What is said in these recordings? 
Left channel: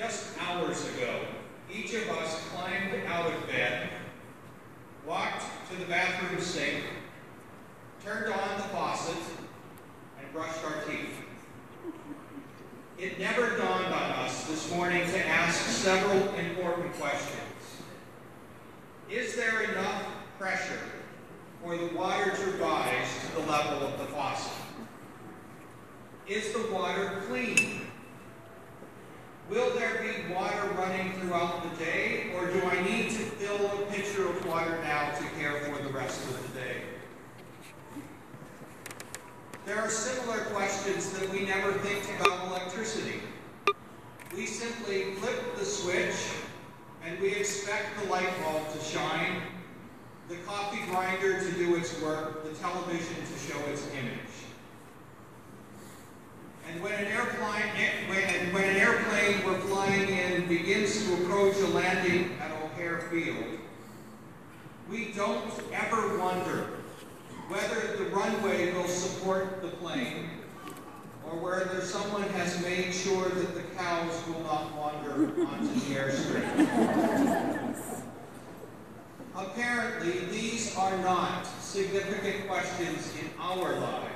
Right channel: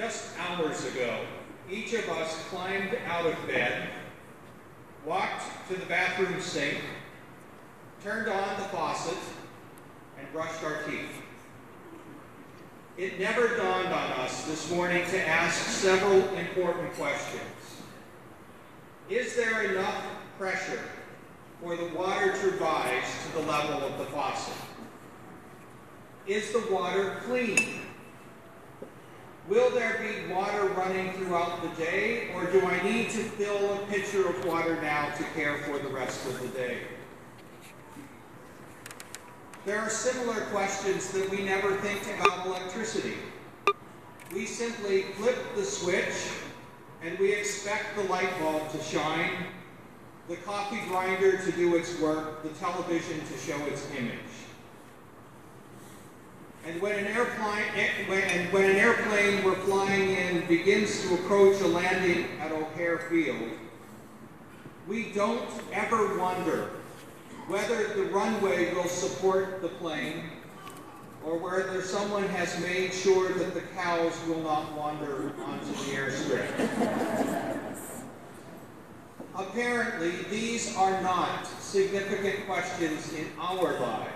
Just hours ago, each of us climbed out of bed, walked to the bathroom sink, turned on the faucet, and brushed our teeth. It never dawned on us this morning to ask several important questions. Is there enough pressure for the water to rise to the level of the faucet? Is the water clean? Will there be water running throughout the day, or do I need to fill a pitcher of water now to care for the rest of the day? There are similar questions that we never think about electricity. We simply flip the switch and we expect the light bulb to shine, the coffee grinder to do its work, the television to show its image. And when an airplane we're flying in begins to approach a landing at O'Hare Field, we don't ever wonder whether the runway will support the plane or whether someone has made sure that the cows will not wander onto the airstrip. Apparently, these are not significant questions in our lives.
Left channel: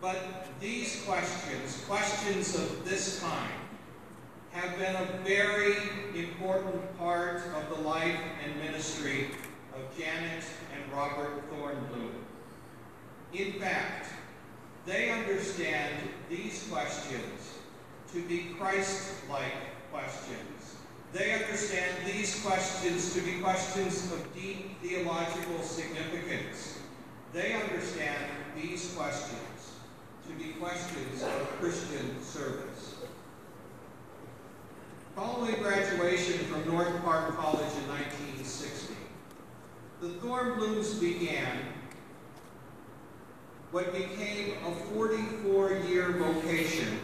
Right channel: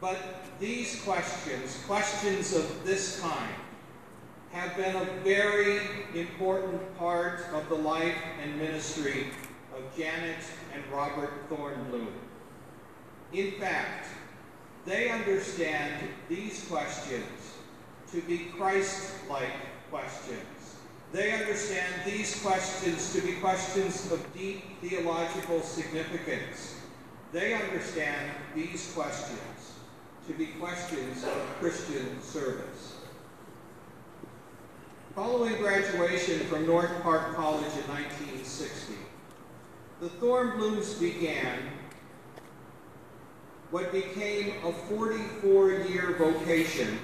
But these questions of this kind, have been a very important part of the life and ministry of Janet and Robert Thornbloom. In fact, they understand these questions to be Christ-like questions. They understand these questions to be questions of deep theological significance. They understand these questions to be questions of Christian service. Following graduation from North Park College in 1960, the Thornblooms began what became a 44-year vocation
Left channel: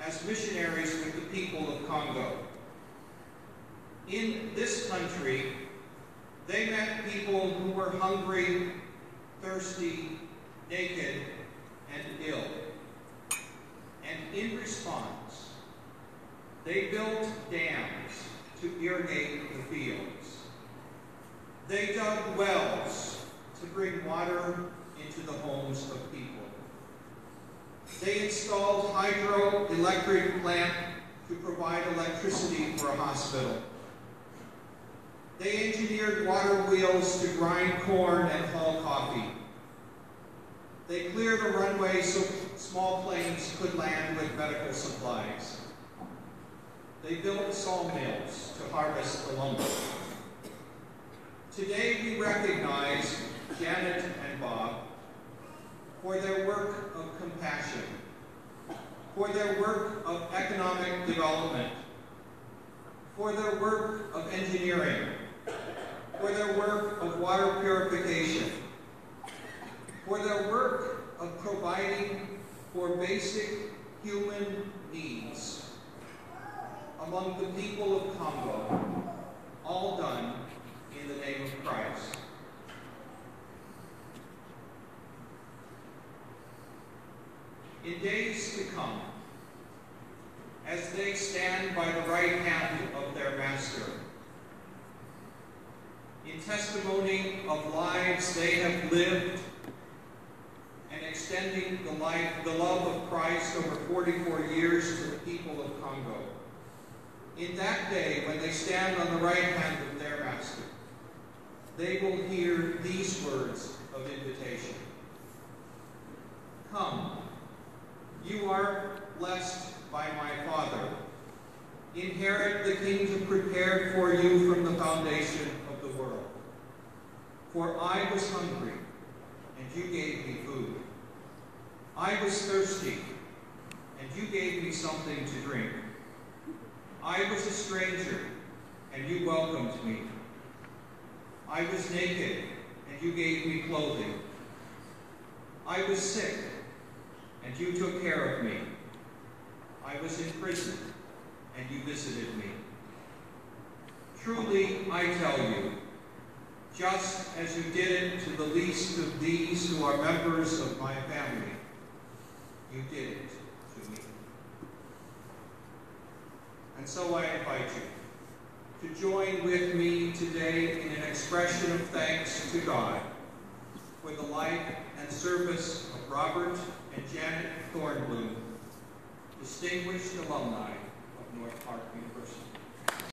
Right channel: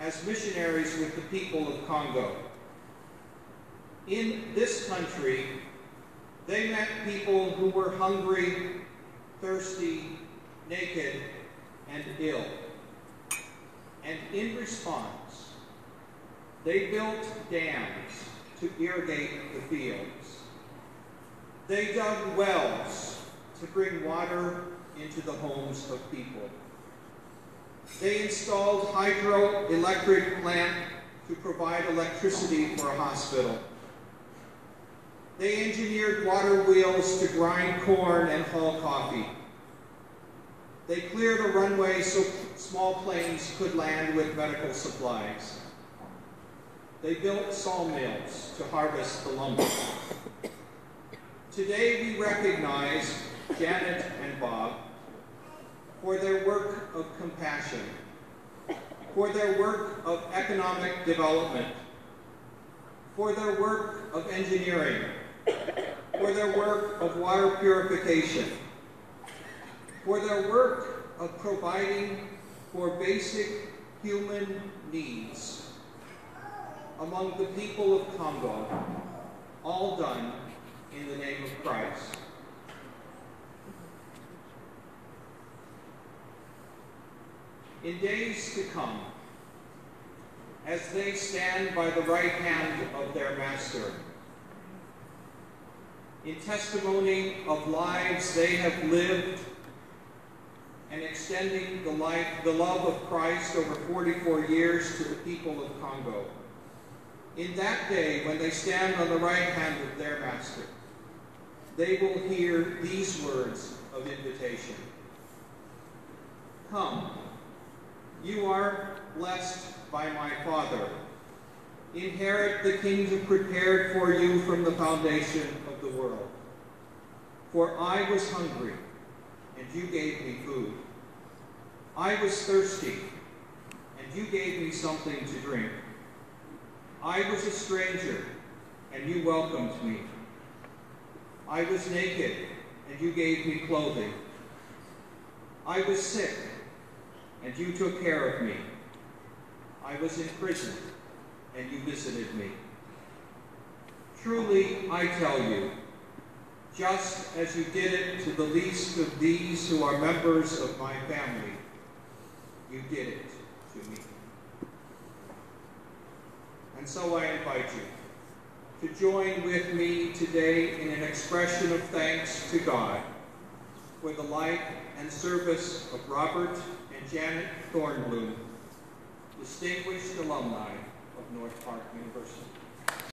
as missionaries with the people of Congo. In this country, they met people who were hungry, thirsty, naked, and ill. And in response, they built dams to irrigate the fields. They dug wells to bring water into the homes of people. They installed hydroelectric plant to provide electricity for a hospital. They engineered water wheels to grind corn and haul coffee. They cleared a runway so small planes could land with medical supplies. They built sawmills to harvest the lumber. Today we recognize Janet and Bob for their work of compassion, for their work of economic development, for their work of engineering, for their work of water purification, for their work of providing for basic human needs among the people of Congo, all done in the name of Christ. In days to come, as they stand by the right hand of their Master, in testimony of lives they have lived and extending the love of Christ over 44 years to the people of Congo, in that day when they stand on the right hand of their Master, they will hear these words of invitation. Come, you are blessed by my Father. Inherit the kingdom prepared for you from the foundation of the world. For I was hungry, and you gave me food. I was thirsty, and you gave me something to drink. I was a stranger, and you welcomed me. I was naked, and you gave me clothing. I was sick, and you took care of me. I was in prison, and you visited me. Truly, I tell you, just as you did it to the least of these who are members of my family, you did it to me. And so I invite you to join with me today in an expression of thanks to God for the life and service of Robert and Janet Thornbloom, distinguished alumni of North Park University.